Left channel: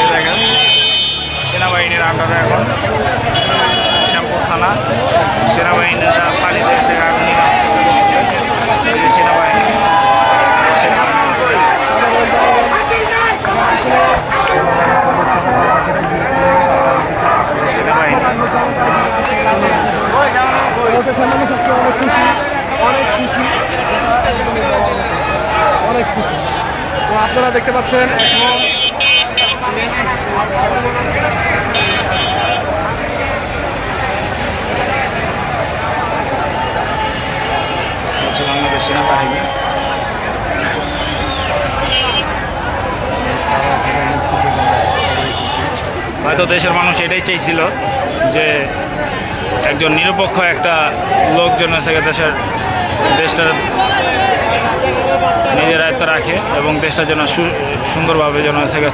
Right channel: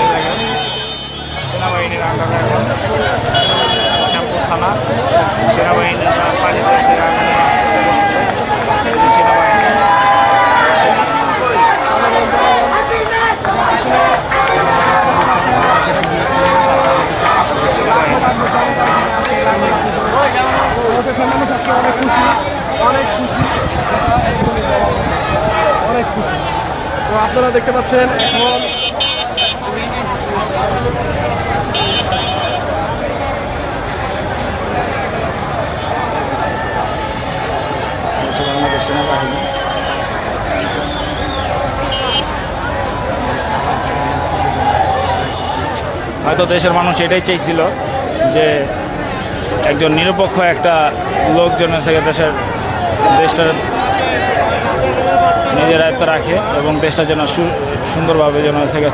এই দেখেন সেনাবাহিনীর আন্ডারে এখন শ্যামপুর থানা। সেনাবাহিনীরা পানিতে থেকে আগুন নেওয়ার চেষ্টা করতেছে। এই যে সেনাবাহিনী অনেক খুশি। তো আপনারা দেখতে পাচ্ছেন এখন বাংলাদেশ সেনাবাহিনী। হয়তো দেশের মানুষ এটাই চাইছিল যে একজন নিরপেক্ষ একটা লোকজন দেশটার নিজের আয়ত্তে রাখে এবং দেশটা যেন সুন্দরভাবে যেন